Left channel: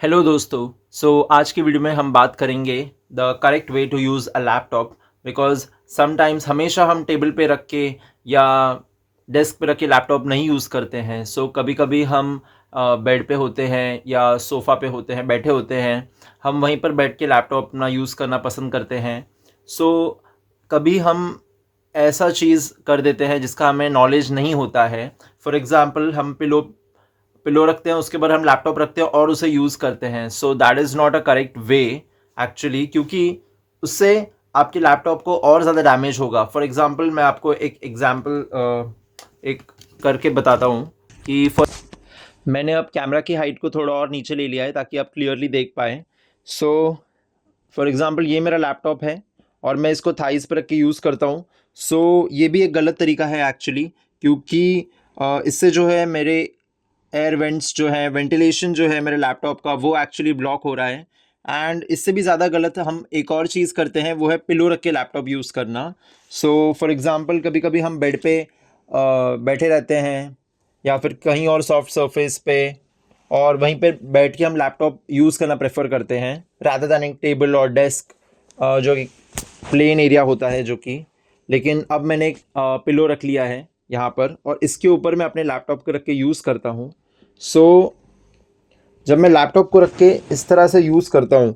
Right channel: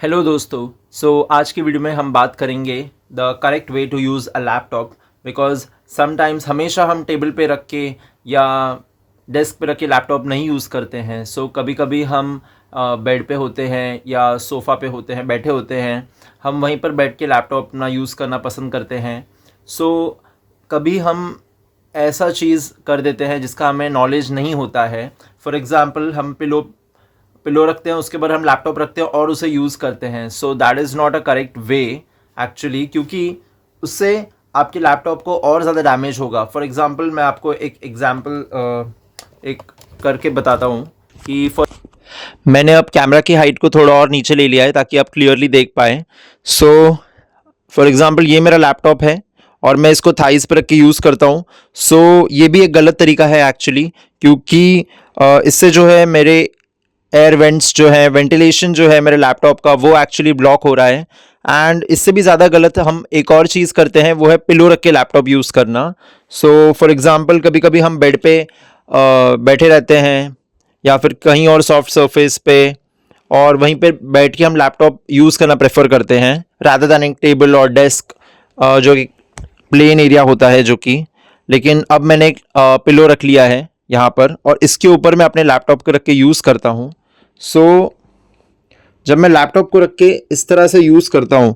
Hello दोस्तों। आज की वीडियो में हम बात करेंगे the correct way to use a laptop. Because sometimes हमेशा हम टेबल पे रख के या डेस्क पे रख के लैपटॉप नहीं यूज़ करते हैं। कभी कभी हम बेड पे होते हैं या सोफ़ा पे होते हैं, बैठे होते हैं, हम वहीं पर बैठ के लैपटॉप अपना यूज़ करना पसंद करते हैं। कभी हम ऐसा चीज़ कर देते हैं जिसका हमें नॉलेज नहीं होता है। फॉर एग्ज़ाम्पल, हम पिलो पिलो रखते हैं, उसके बाद हम लैपटॉप रखते हैं और उसे यूज़ करते हैं। That is not a correct way actually, क्योंकि उससे आपके लैपटॉप को और ज़्यादा डैमेज होगा। फॉर एग्ज़ाम्पल, मैं आपको एक एग्ज़ाम्पल एक करके बताता हूँ कि मैंने अब कैमरा की हाइट को थोड़ा और नीचे ले लिया है ताकि आप क्लियरली देख पाएँ। फॉर एग्ज़ाम्पल, ये मेरा लैपटॉप है और मैं इसको थाइस पर रख के यूज़ करता हूँ। ये भी एक गलत तरीका है एक्चुअली, क्योंकि इससे जो है मेरे एयर वेंट्स जो है, वेंटिलेशन जो है मेरे लैपटॉप का, वो एक्चुअली ब्लॉक हो रहा है। एंड इससे भी ज़्यादा गलत हम एक और चीज़ करते हैं, वो है पिलो रख के लैपटॉप यूज़ करना। फॉर एग्ज़ाम्पल, कभी कभी हम बेड पे बैठे रहते हैं या फिर कहीं और सॉफ्ट सरफेस पे, और वहीं पे बैठ के हम लैपटॉप यूज़ करना प्रेफर करते हैं रादर दैन एक टेबल और डेस्क, जो कि प्लेन एरिया होता है जो कि। लेकिन अब मैंने एक पिलो रख लिया है यहाँ पर और इसके ऊपर मैं अपने लैपटॉप को रख के यूज़ करता हूँ। जब मैं लैपटॉप को रख के इस तरह से यूज़ करता हूँ,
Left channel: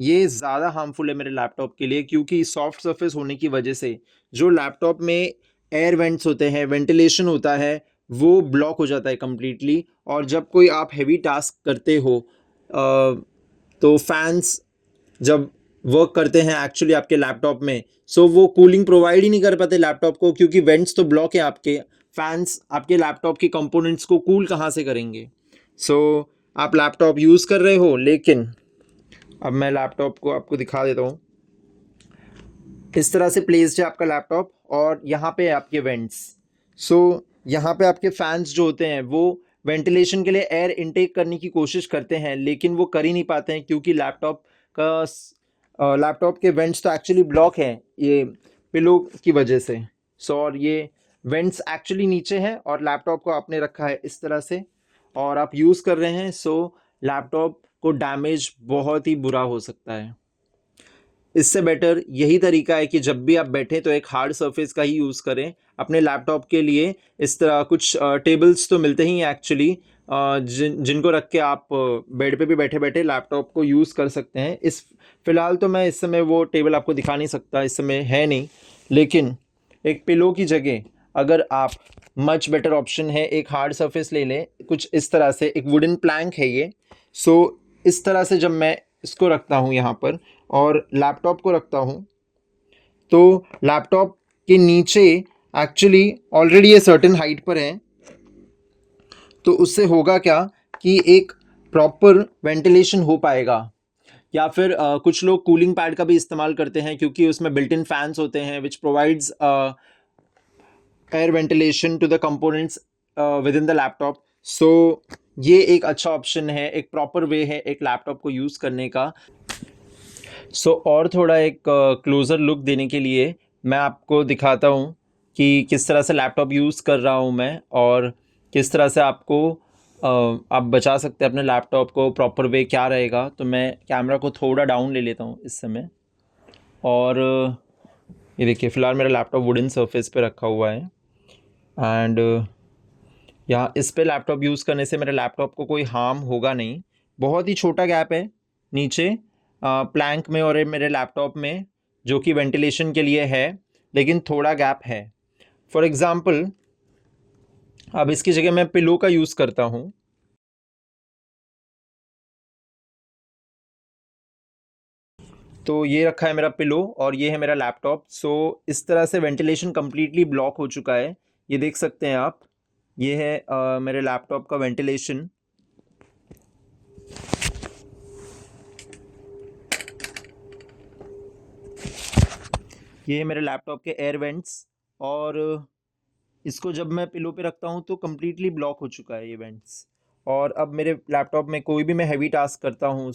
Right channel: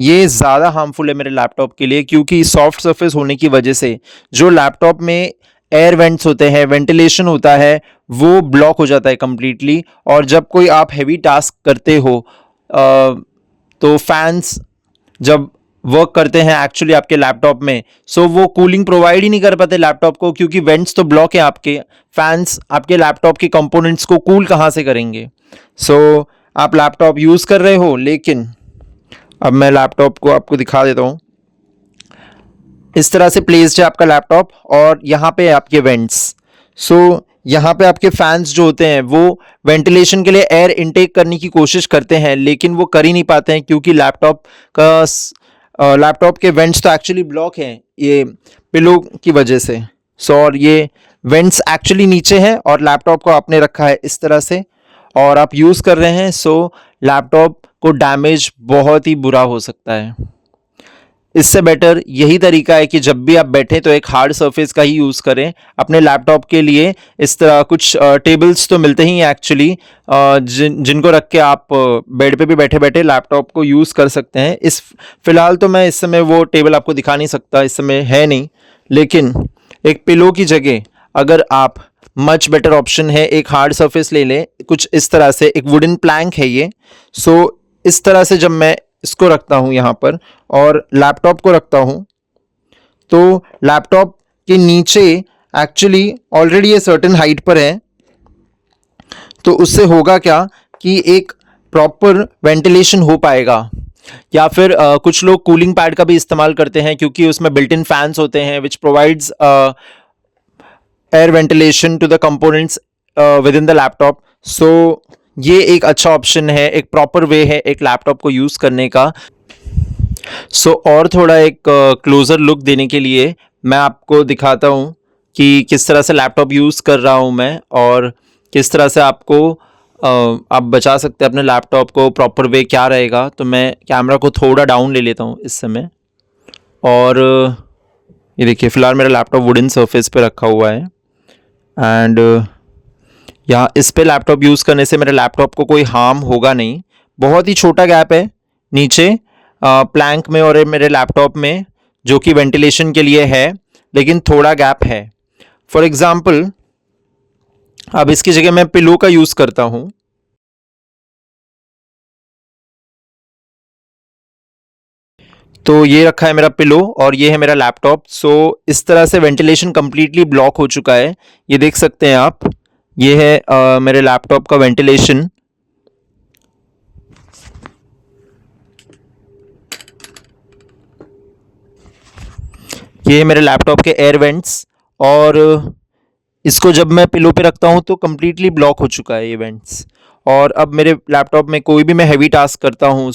ये ज़्यादा हार्मफुल है मेरे लैपटॉप के लिए, क्योंकि सॉफ्ट सरफेस होने की वजह से जो लैपटॉप में एयर वेंट्स होते हैं, वेंटिलेशन होता है, वो ब्लॉक हो जाता है कम्प्लीटली। और जब कोई आप हैवी टास्क करते हो, तो फैंस जब वर्क करते हैं एक्चुअली आपके लैपटॉप में, वो कूलिंग प्रोवाइड ही नहीं कर पाते लैपटॉप को, क्योंकि वेंट्स तो ब्लॉक है आपके। फैंस आपके लैपटॉप के कंपोनेंट्स को कूल कहाँ से करेंगे? आप लैपटॉप यूज़ कर रहे हो, लेकिन अब मैं लैपटॉप को आपको दिखा देता हूँ। इस तरह से प्लेस्ड है आपका लैपटॉप और यहाँ पे आपके वेंट्स। यहाँ पे आपके फैंस जो होते हैं वो वेंटिलेशन के लिए एयर इनटेक करने की कोशिश करते हैं, लेकिन वो कर ही नहीं पाते हैं, क्योंकि लैपटॉप के वेंट्स तो एक्चुअली ब्लॉक हैं ये पिलो की वजह से। और ये वेंट्स एक्चुअली नीचे हैं और लैपटॉप को आपने रखा है इस तरह से और आप यूज़ कर रहे हैं। लैपटॉप को डैमेज बहुत ही बुरा हो सकता है। इससे बेटर यही तरीका है कि जब भी आप बैठें तो एक हार्ड सरफेस का ही यूज़ करें अपने लैपटॉप के लिए। इस तरह कुछ टेबल्स तो मिलते ही हैं एक्चुअली, जिनको रख के आप बेड पे भी बैठे बैठे लैपटॉप को यूज़ कर सकते हैं। फ़िलहाल तो मैं इस समय वो टेबल आपको दिखा नहीं सकता, इस समय है नहीं। लेकिन एक पिलो की जगह अगर आप, मच बेटर ऑप्शन है, एक हार्ड सरफेस ले लें, कुछ इस तरह से। एक वुडन प्लैंक है ये। इस तरह से जब मैं इसको रखता हूँ यहाँ पर और लैपटॉप को रखता हूँ, तो लैपटॉप के नीचे एक्चुअली ऑलरेडी ये सर्टेन हाइट पर है, तो उससे होगा क्या कि एक प्रॉपर वेंटिलेशन हो पाएगा। या फिर कुछ लोग कूलिंग पैड का भी इस्तेमाल करते हैं, क्योंकि उसमें बिल्ट इन फैंस होते हैं which provides air ventilation to the components within the laptop. ये एक अच्छा ऑप्शन है, एक प्रॉपर वे है एक लैपटॉप को यूज़ करने का। और थोड़ा एक क्लोज़र लुक देने के लिए मैं आपको दिखाता हूँ कि किस तरह से लैपटॉप यूज़ कर रहा हूँ मैं, और किस तरह से आप बचा सकते हैं अपने लैपटॉप को। प्रॉपर वे क्या रहेगा, तो मैं कैमरा को थोड़ा डाउन ले लेता हूँ इस समय। और ये देखिए, फ़िलहाल मेरा लैपटॉप वुडन सरफेस पे रखा हुआ है एंड यहाँ इस पे लैपटॉप यूज़ करने से मेरे लैपटॉप को कोई हार्म होगा नहीं। बहुत ही छोटा गैप है नीचे प्लैंक में और मेरे लैपटॉप में, जो कि वेंटिलेशन के लिए है, लेकिन थोड़ा गैप है। फॉर एग्ज़ाम्पल, अब इसकी जगह मैं पिलो का यूज़ करता हूँ। तो ये रखा है मेरा पिलो और ये है मेरा लैपटॉप। इस तरह से वेंटिलेशन कम्प्लीटली ब्लॉक हो चुका है, ये देख सकते हैं आप। ये है मेरे लैपटॉप का वेंटिलेशन। ये है मेरे लैपटॉप के एयर वेंट्स, और इसको जब मैं पिलो पे रखता हूँ तो कम्प्लीटली ब्लॉक हो चुका है ये वेंट्स। और अब मेरे लैपटॉप में कोई भी मैं हैवी टास्क करता हूँ,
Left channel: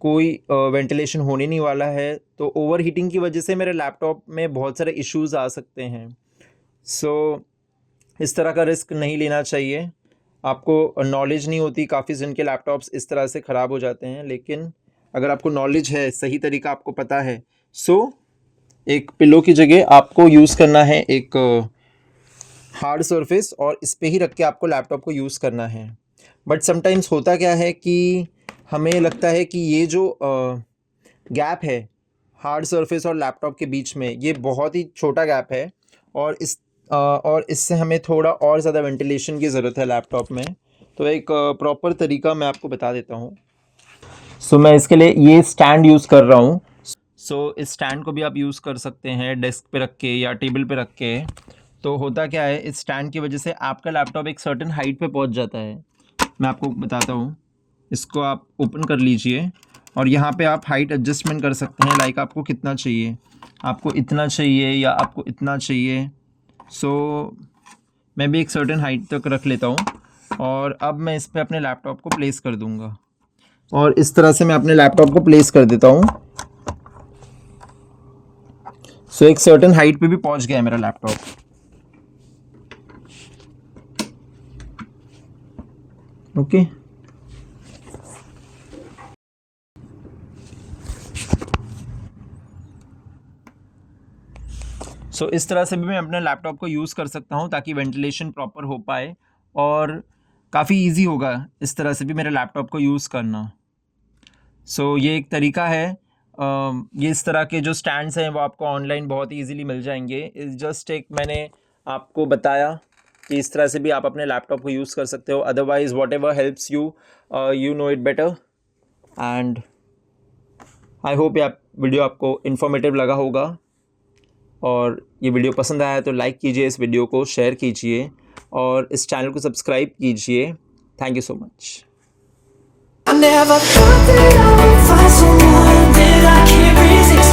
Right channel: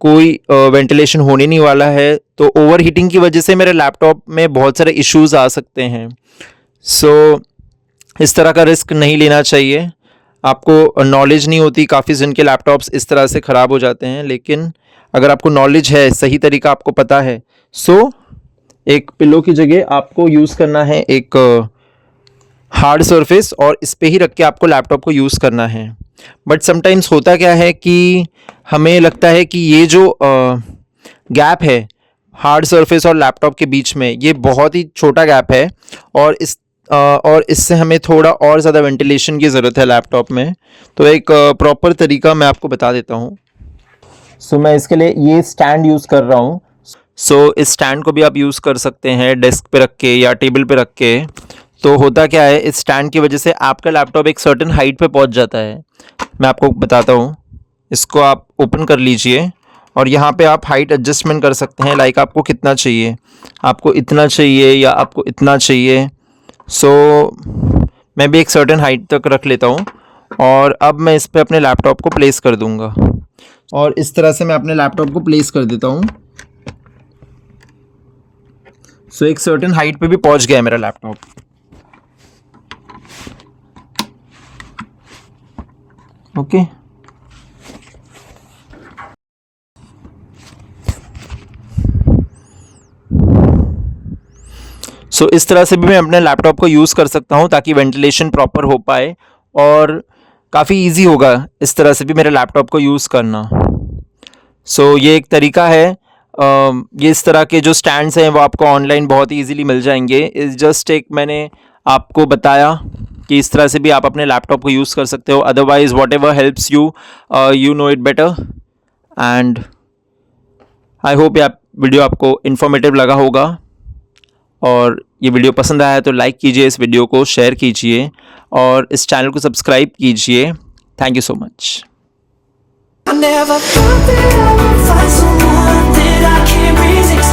कोई वेंटिलेशन होने नहीं वाला है। तो ओवर हीटिंग की वजह से मेरे लैपटॉप में बहुत सारे इश्यूज़ आ सकते हैं। इस तरह का रिस्क नहीं लेना चाहिए। आपको नॉलेज नहीं होती, काफ़ी जन के लैपटॉप्स इस तरह से ख़राब हो जाते हैं। लेकिन अगर आपको नॉलेज है, सही तरीका आपको पता है, सो एक पिलो की जगह आपको यूज़ करना है एक हार्ड सरफेस और इस पे ही रख के आपको लैपटॉप को यूज़ करना है। बट समटाइम्स होता क्या है कि हमें लगता है कि ये जो गैप है हार्ड सरफेस और लैपटॉप के बीच में, ये बहुत ही छोटा गैप है और इससे हमें थोड़ा और ज़्यादा वेंटिलेशन की ज़रूरत है लैपटॉप में। तो एक प्रॉपर तरीका मैं आपको बता देता हूँ। सो मैं इसके लिए ये स्टैंड यूज़ कर रहा हूँ। सो इस स्टैंड को भी आप यूज़ कर सकते हैं डेस्क पे रख के या टेबल पे रख के। तो होता क्या है, इस स्टैंड की वजह से आपका लैपटॉप एक सर्टेन हाइट पे पहुंच जाता है। मैं आपको बताता हूँ, इसको आप ओपन कर लीजिए और यहाँ पे आप हाइट एडजस्टमेंट कर सकते हैं। लाइक आपको कितना चाहिए, आपको इतना चाहिए या आपको इतना चाहिए। सो मैं भी एक सर्टेन हाइट तक रख लेता हूँ और अब मैं इस पर अपने लैपटॉप को प्लेस कर दूँगा और इस तरह से मैं अपने लैपटॉप को प्लेस कर देता हूँ। सो एक सर्टेन हाइट पे भी पहुँच गया है मेरा लैपटॉप। ओके सो इस तरह से भी मैं अपने लैपटॉप को यूज़ कर सकता हूँ ताकि वेंटिलेशन प्रॉपर हो पाए और काफ़ी इजी होगा इस तरह से भी मेरे लैपटॉप को यूज़ करना। सो ये एक तरीका है। ये इस तरह के जो स्टैंड्स हैं वो आपको ऑनलाइन बहुत ही ईजीली मिल जाएंगे। इस जस्ट एक मैंने आपको बताया कि इस तरह से भी आप अपने लैपटॉप को यूज़ कर सकते हो। Otherwise what ever helps you, you know it better. And I hope ये वीडियो आपको इन्फॉर्मेटिव लगा होगा और ये वीडियो पसंद आया तो लाइक कीजिए, इस वीडियो को शेयर कीजिए और इस चैनल को सब्सक्राइब कीजिए। Thank you so much. I never thought that I would find someone that I can't resist.